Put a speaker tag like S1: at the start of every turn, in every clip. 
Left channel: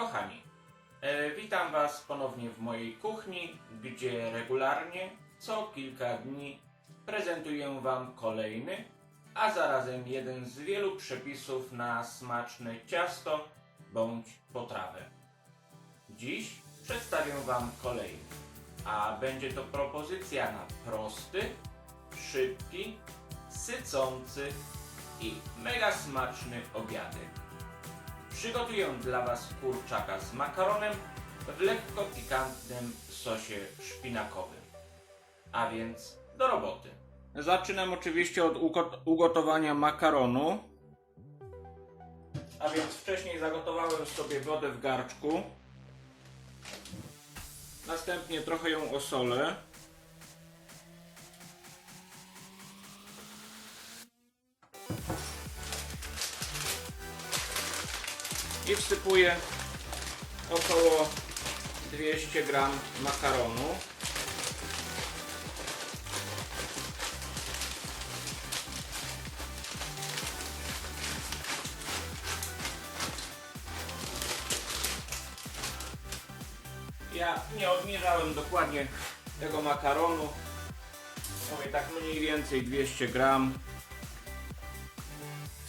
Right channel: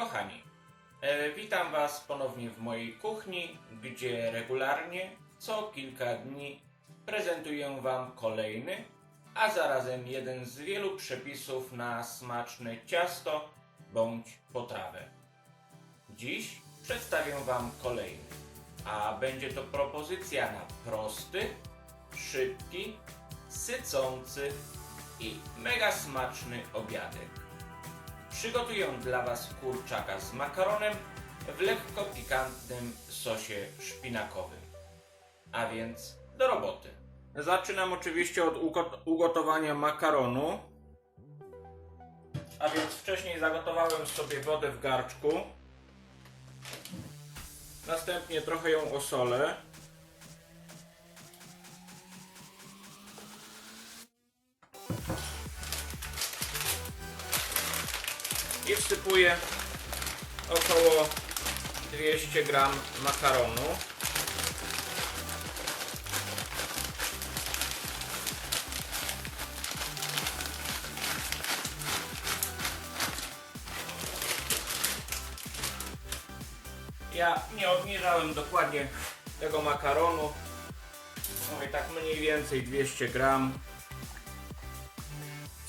S1: Kochani, e, witam Was ponownie w mojej kuchni, gdzie regularnie co kilka dni prezentuję Wam kolejny, a zarazem jeden z wielu przepisów na smaczne ciasto bądź potrawę. Dziś przedstawię Wam kolejny, a będzie to propozycja na prosty, szybki, sycący i mega smaczny obiadek. Przygotuję dla Was kurczaka z makaronem w lekko pikantnym sosie szpinakowym. A więc do roboty. Zaczynam oczywiście od ugo- ugotowania makaronu. A więc wcześniej zagotowałem sobie wodę w garczku. Następnie trochę ją osolę. I wsypuję około 200 gram makaronu. Ja nie odmierzałem dokładnie tego makaronu. Mówię tak mniej więcej 200 gram.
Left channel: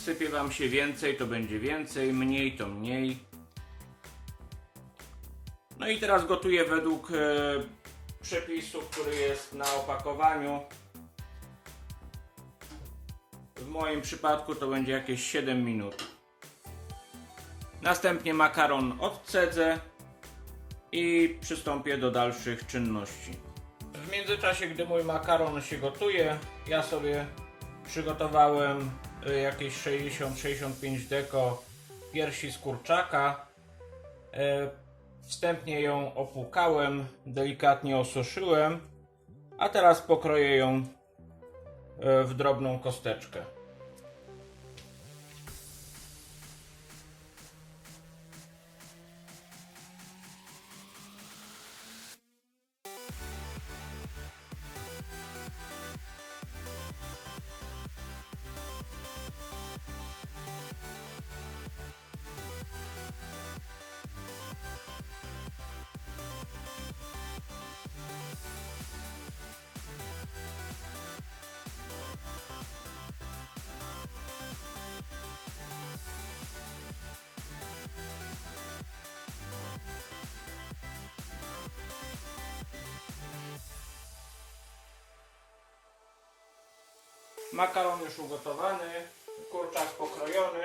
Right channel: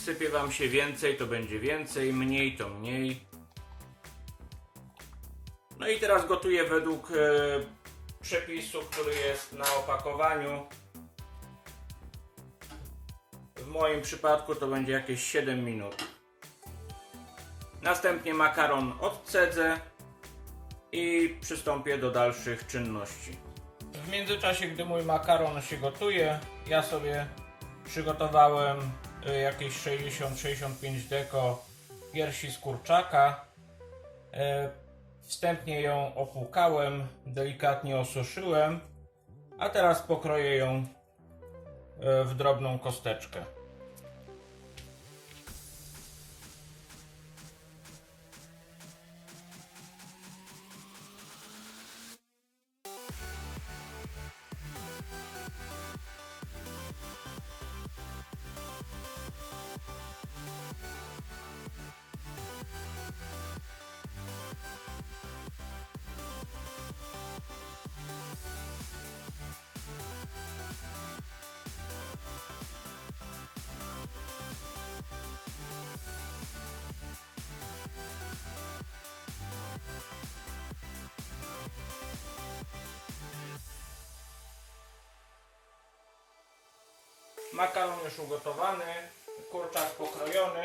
S1: Wsypie Wam się więcej, to będzie więcej, mniej to mniej. No i teraz gotuję według e, przepisu, który jest na opakowaniu. W moim przypadku to będzie jakieś 7 minut. Następnie makaron odcedzę i przystąpię do dalszych czynności. W międzyczasie, gdy mój makaron się gotuje, ja sobie przygotowałem jakieś 60-65 deko piersi z kurczaka. E, Wstępnie ją opłukałem, delikatnie osuszyłem, a teraz pokroję ją e, w drobną kosteczkę. Makaron już ugotowany, kurczak pokrojony.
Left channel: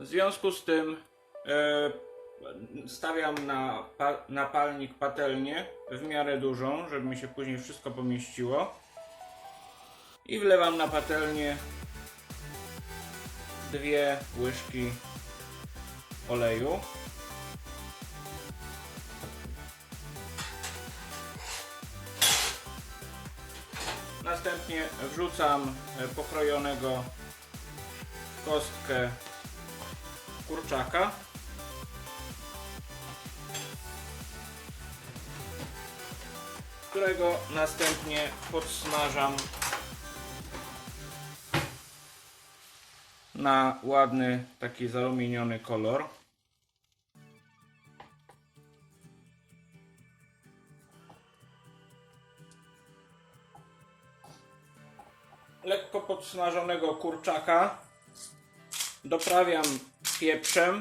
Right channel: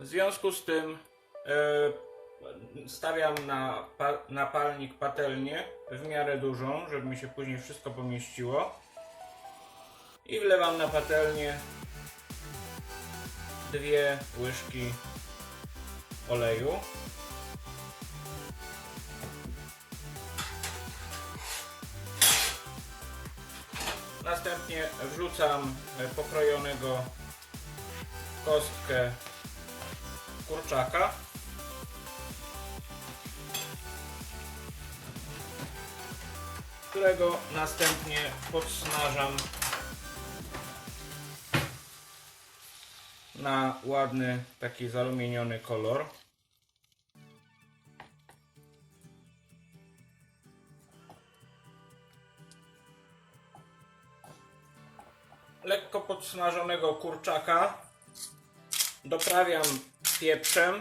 S1: W związku z tym e, stawiam na, pa, na palnik patelnię w miarę dużą, żeby mi się później wszystko pomieściło. I wlewam na patelnię dwie łyżki oleju. Następnie wrzucam e, pokrojonego kostkę kurczaka. Którego następnie podsmażam na ładny taki zarumieniony kolor. Podsmażonego kurczaka. Doprawiam pieprzem.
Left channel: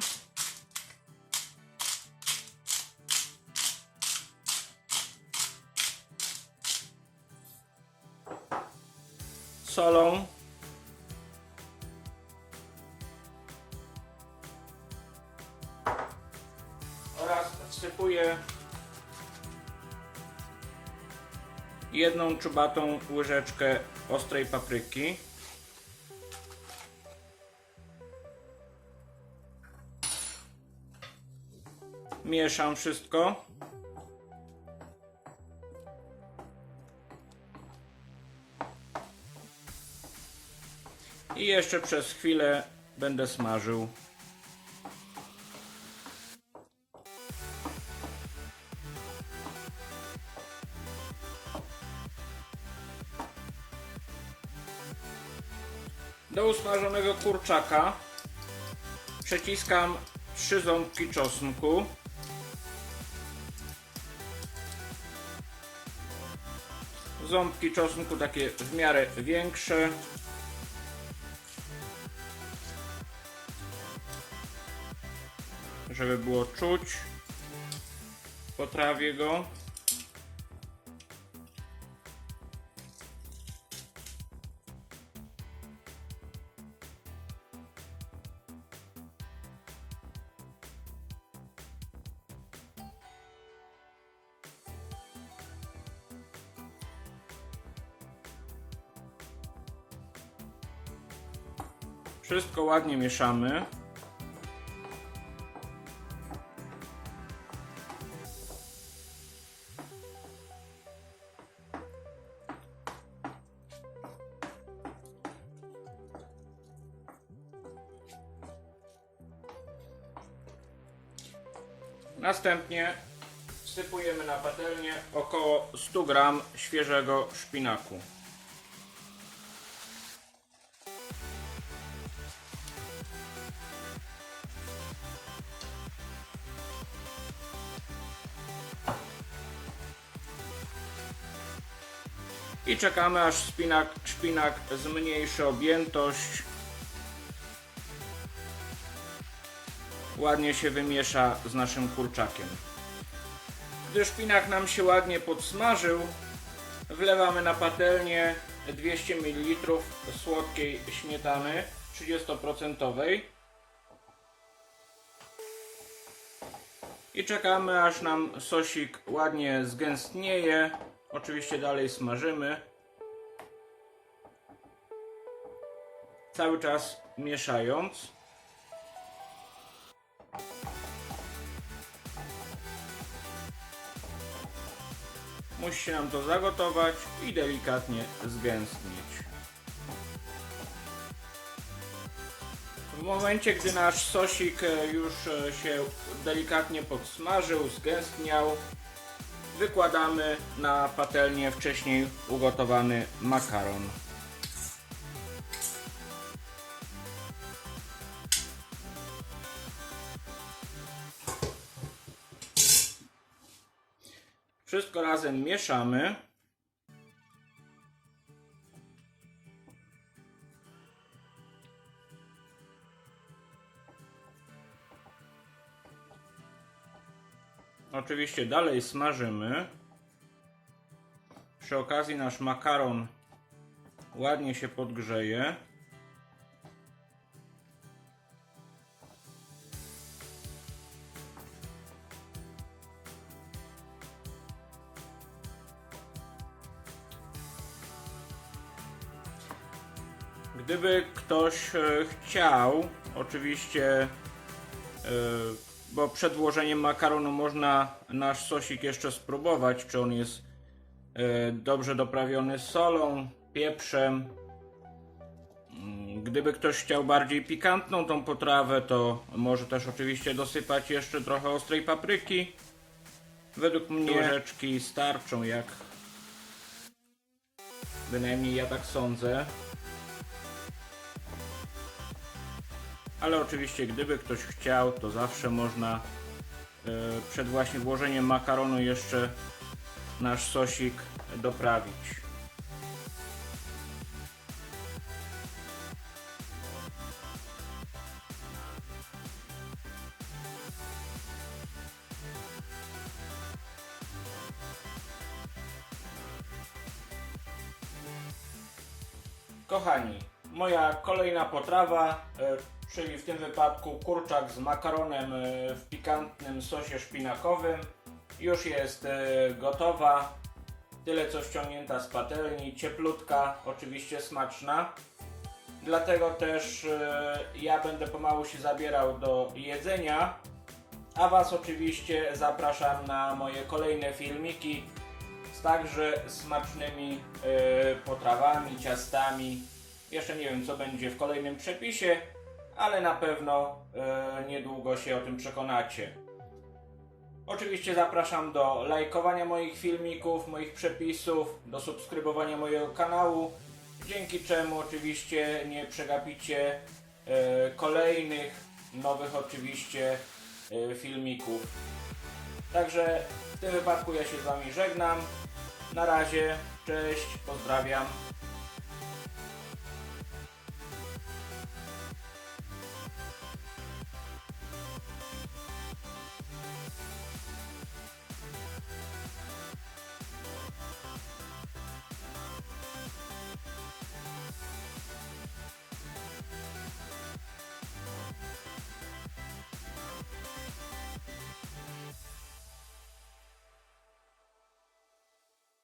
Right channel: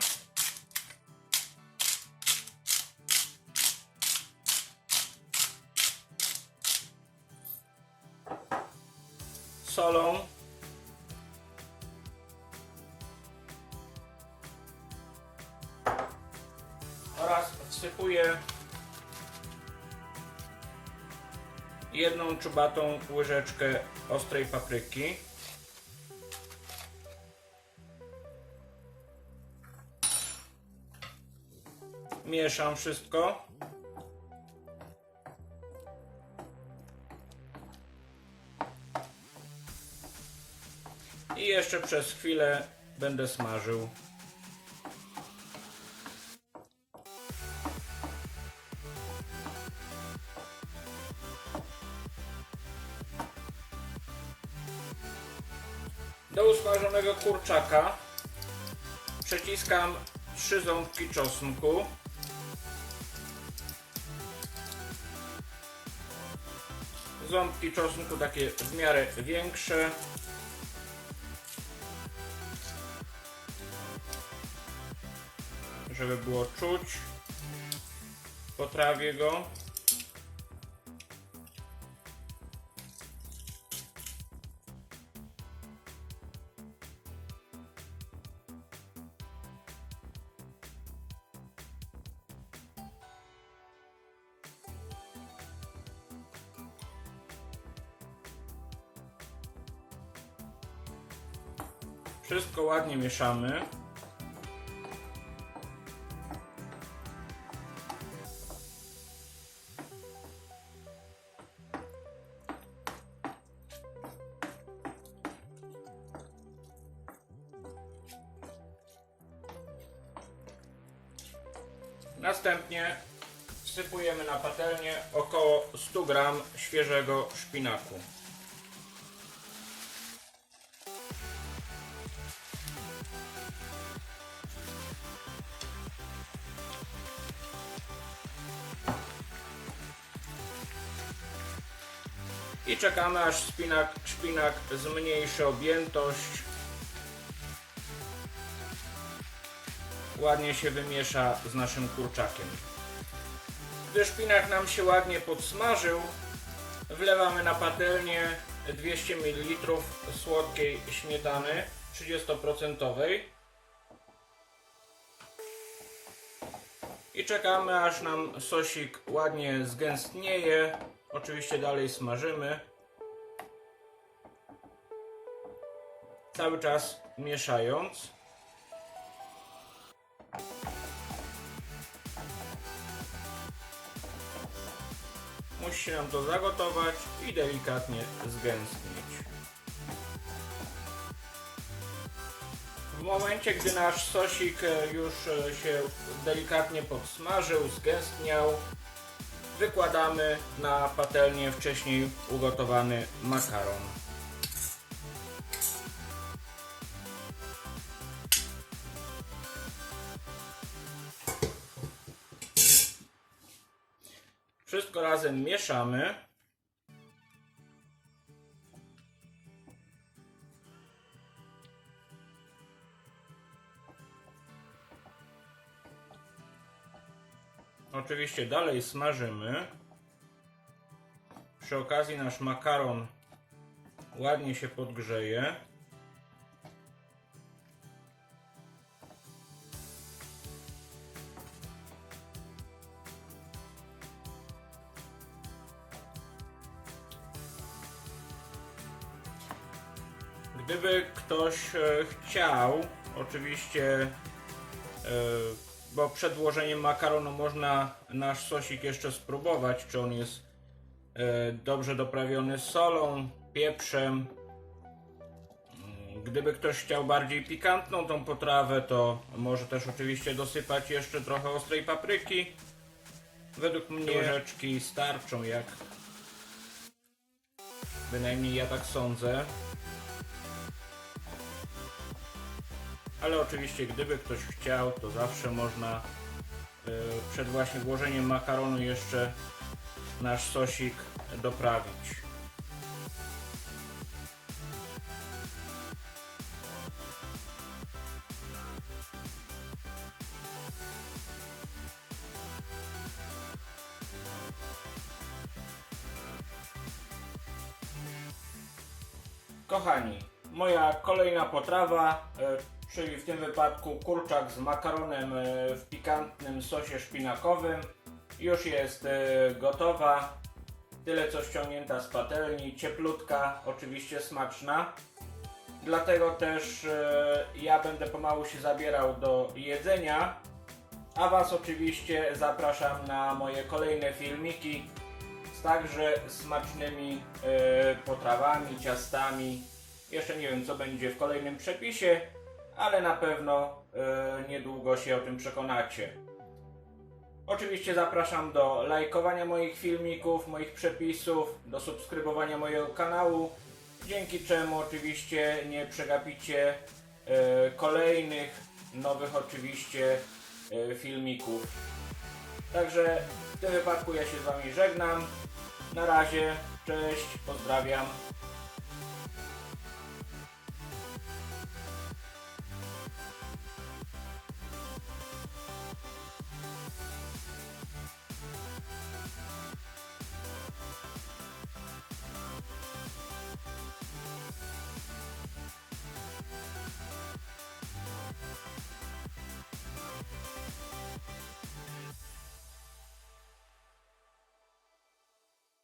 S1: Solą. Oraz wsypuję jedną czubatą łyżeczkę ostrej papryki. Mieszam wszystko. I jeszcze przez chwilę będę smażył. Do usmażonego kurczaka przeciskam trzy ząbki czosnku. Ząbki czosnku takie w miarę większe. Żeby było czuć. Potrawię go. Wszystko ładnie mieszamy. Następnie wsypujemy na patelnię około 100 gram świeżego szpinaku. I czekamy aż szpinak, szpinak zmniejszy objętość. Ładnie się wymiesza z naszym kurczakiem. Gdy szpinak nam się ładnie podsmażył, wlewamy na patelnię 200 ml słodkiej śmietany 30%. I czekamy aż nam sosik ładnie zgęstnieje. Oczywiście dalej smażymy. Cały czas mieszając. Musi nam to zagotować i delikatnie zgęstnieć. W momencie, gdy nasz sosik e, już e, się delikatnie podsmażył, zgęstniał, wykładamy na patelnię wcześniej ugotowany makaron. Wszystko razem mieszamy. Oczywiście dalej smażymy. Przy okazji nasz makaron ładnie się podgrzeje. Gdyby ktoś e, chciał, oczywiście, e, bo przed włożeniem makaronu można nasz sosik jeszcze spróbować, czy on jest e, dobrze doprawiony solą, pieprzem. Gdyby ktoś chciał bardziej pikantną tą potrawę, to może też oczywiście dosypać jeszcze trochę ostrej papryki. Według mnie łyżeczki starczą, jak bynajmniej ja tak sądzę. Ale oczywiście, gdyby ktoś chciał, to zawsze można e, przed właśnie włożeniem makaronu jeszcze nasz sosik doprawić. Kochani, moja kolejna potrawa, e, czyli w tym wypadku kurczak z makaronem e, w pikantnym sosie szpinakowym, już jest e, gotowa. Tyle co ściągnięta z patelni, cieplutka, oczywiście smaczna. Dlatego też e, ja będę pomału się zabierał do jedzenia, a Was oczywiście zapraszam na moje kolejne filmiki z także smacznymi potrawami, ciastami. Jeszcze nie wiem co będzie w kolejnym przepisie, ale na pewno e, niedługo się o tym przekonacie. Oczywiście zapraszam do lajkowania moich filmików, moich przepisów, do subskrybowania mojego kanału, dzięki czemu oczywiście nie przegapicie e, kolejnych nowych oczywiście e, filmików. Także w tym wypadku ja się z Wami żegnam. Na razie, cześć, pozdrawiam.